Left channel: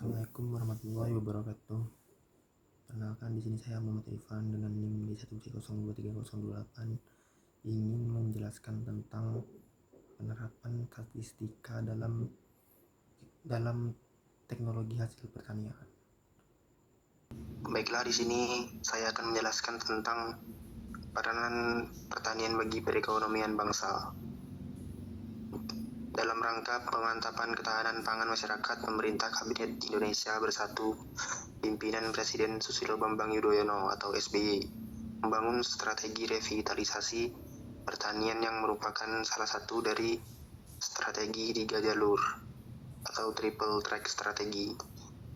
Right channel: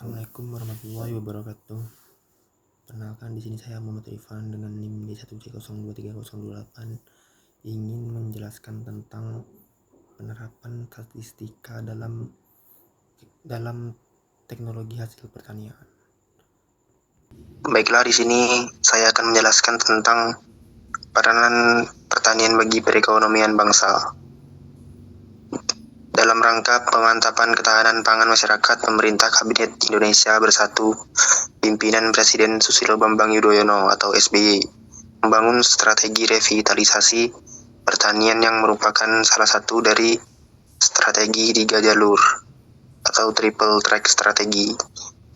Assalamualaikum warahmatullahi wabarakatuh. Perkenalkan, di sini saya Muhammad Irfan dengan NIM D1C023028 ingin menjelaskan tentang penerapan statistika dalam teknologi hasil pertanian. Baiklah, di sini saya akan menjelaskan tentang peranan pertanian bagi perekonomian bangsa. Dalam rangka pemantapan ketahanan pangan masyarakat, pemerintah Kabinet Indonesia Bersatu, pimpinan Presiden Susilo Bambang Yudhoyono atau SBY, membangun strategi revitalisasi pertanian yang merupakan salah satu dari strategi 3 jalur atau triple track strategi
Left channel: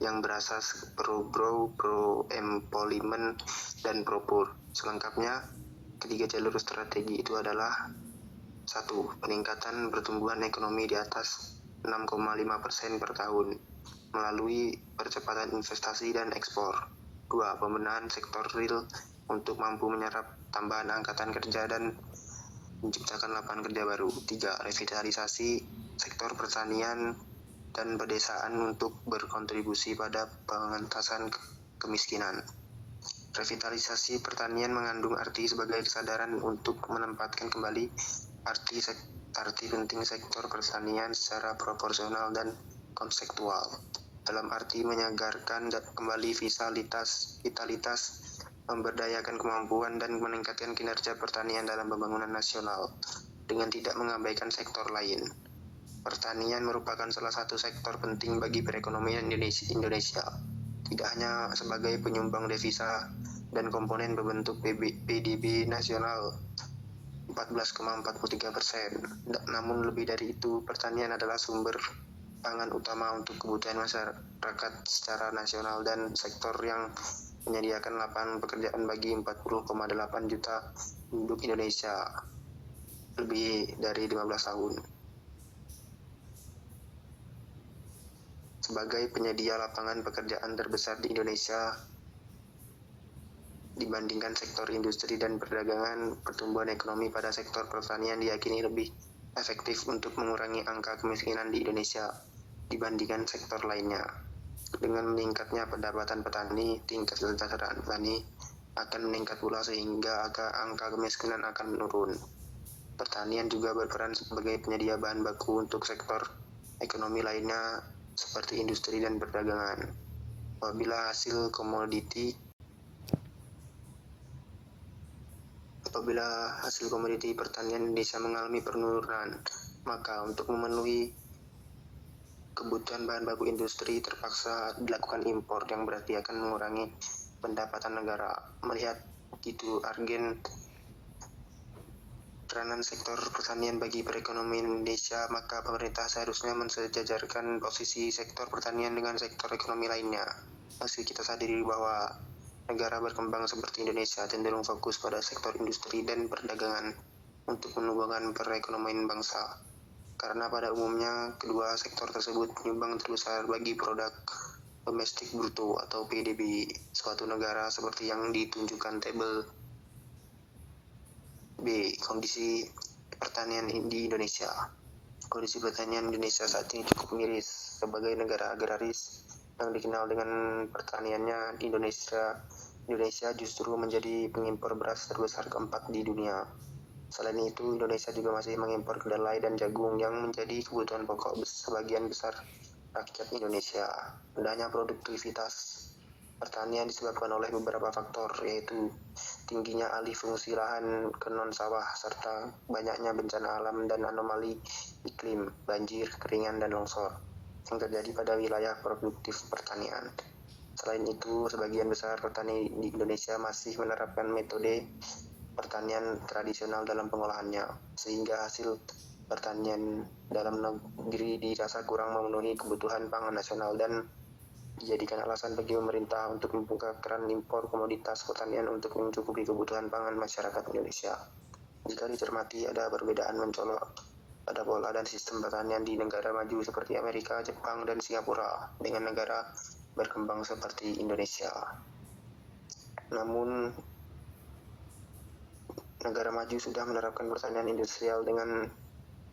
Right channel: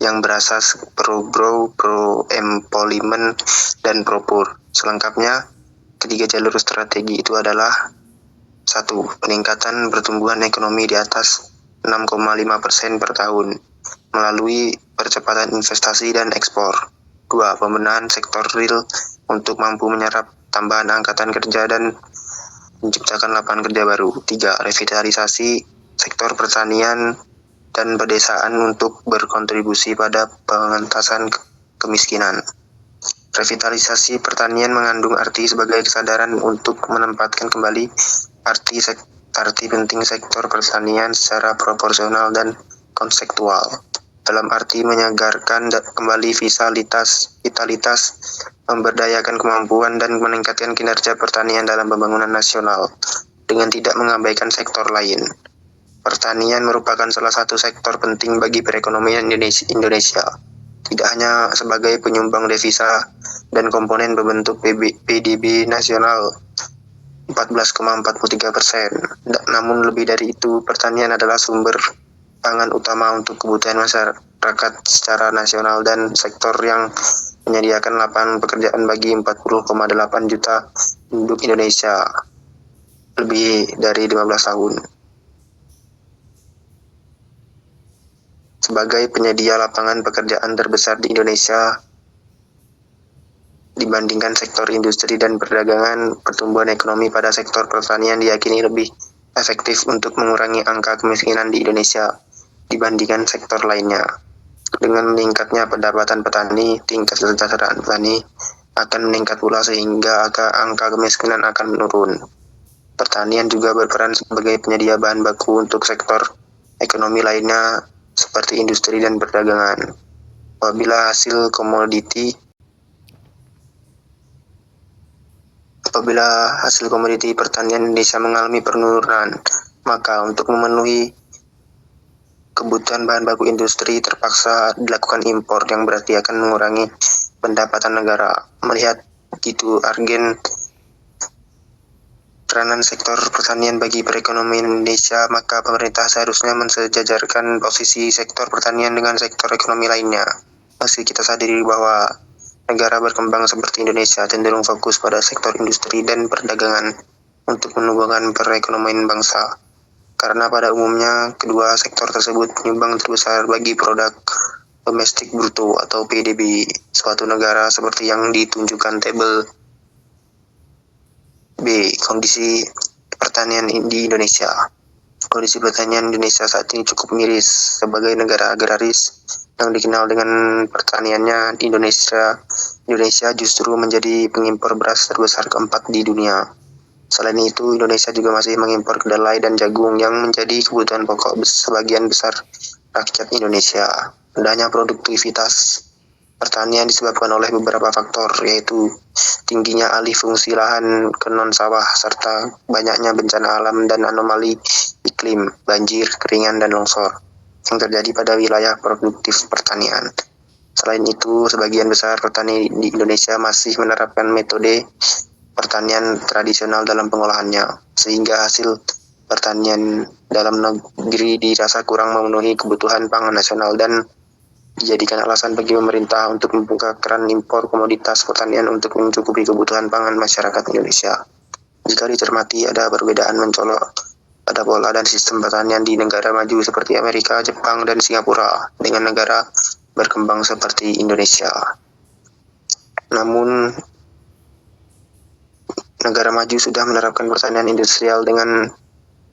yang berasas pro-grow, pro-employment, dan pro-poor. Selengkapnya, ketiga jalur strategi itu adalah: 1. Peningkatan pertumbuhan ekonomi di atas 6,5% per tahun melalui percepatan investasi dan ekspor. 2. Pembenahan sektor real untuk mampu menyerap tambahan angkatan kerja dan menciptakan lapangan kerja baru. 3. Revitalisasi sektor pertanian dan pedesaan untuk berkontribusi pada pengentasan kemiskinan. Revitalisasi pertanian mengandung arti sebagai kesadaran untuk menempatkan kembali arti penting sektor pertanian secara proporsional dan konseptual, dalam arti menyegarkan kembali vitalitas, memberdayakan kemampuan dan meningkatkan kinerja pertanian dalam pembangunan nasional dengan tidak mengabaikan sektor lain. Pertanian merupakan salah satu sektor penting bagi perekonomian Indonesia, tidak hanya sebagai penyumbang devisa dan komponen pembentuk PDB nasional 14,43%. Namun lebih dari itu, pertanian adalah sumber pangan utama untuk kebutuhan masyarakat secara nasional dan sektor yang menyediakan lapangan pekerjaan bagi 40,8 juta penduduk Indonesia lebih dari 15 tahun. Sebagai penyedia lapangan pekerjaan terbesar di Indonesia dibandingkan sektor industri dan perdagangan, pertumbuhan ekonomi pada sektor pertanian diyakini lebih efektif untuk mengurangi angka kemiskinan di Indonesia dibandingkan sektor lainnya. Dengan meningkatnya pendapatan petani, tingkat kesejahteraan petani akan meningkat pula sehingga angka kemiskinan akan menurun. Pertanian juga berperan sebagai penyedia bahan baku untuk sektor ekonomi lainnya seperti industri dan perdagangan. Apabila hasil komoditi pertanian Indonesia mengalami penurunan, maka untuk memenuhi kebutuhan bahan baku industri terpaksa dilakukan impor yang berarti akan mengurangi pendapatan negara. Melihat begitu urgen peranan sektor pertanian bagi perekonomian Indonesia, maka pemerintah seharusnya mensejajarkan posisi sektor pertanian dengan sektor ekonomi lainnya. Meski kita sadari bahwa negara berkembang seperti Indonesia cenderung fokus pada sektor industri dan perdagangan untuk menumbuhkan perekonomian bangsa, karena pada umumnya kedua sektor tersebut penyumbang terbesar bagi produk domestik bruto atau PDB suatu negara, seperti yang ditunjukkan tabel B. Kondisi pertanian di Indonesia. Kondisi pertanian Indonesia saat ini cukup miris. Sebagai negara agraris yang dikenal dengan pertaniannya, Indonesia justru menjadi pengimpor beras terbesar keempat di dunia. Selain itu, Indonesia juga masih mengimpor kedelai dan jagung yang menjadi kebutuhan pokok sebagian besar rakyat Indonesia. Rendahnya produktivitas pertanian disebabkan oleh beberapa faktor, yaitu tingginya alih fungsi lahan ke non-sawah, serta banyaknya bencana alam dan anomali iklim, banjir, keringan, dan longsor yang terjadi pada wilayah produktif pertanian. Selain itu, sebagian besar petani di Indonesia masih menerapkan metode pertanian tradisional dalam pengolahannya, sehingga hasil pertanian dalam negeri dirasa kurang memenuhi kebutuhan pangan nasional dan dijadikan alasan bagi pemerintah untuk membuka keran impor komoditas pertanian untuk mencukupi kebutuhan pangan masyarakat Indonesia. Jika dicermati, ada perbedaan mencolok pada pola dan sistem pertanian di negara maju seperti Amerika, Jepang, dan Singapura dengan negara berkembang seperti Indonesia. Namun, negara maju sudah menerapkan pertanian industrial dengan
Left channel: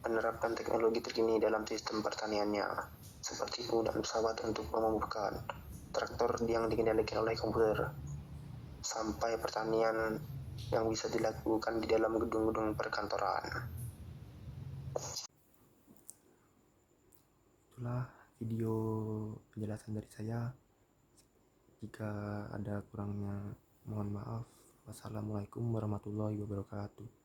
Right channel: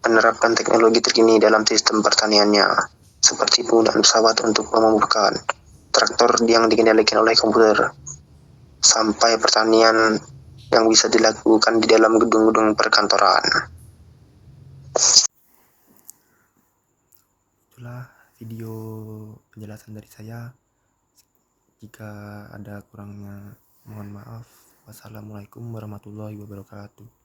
menerapkan teknologi terkini dalam sistem pertaniannya. seperti penggunaan pesawat untuk menumbuhkan, traktor yang dikendalikan oleh komputer, sampai pertanian yang bisa dilakukan di dalam gedung-gedung perkantoran. Itulah video penjelasan dari saya. Jika ada kurangnya, mohon maaf. Wassalamualaikum warahmatullahi wabarakatuh.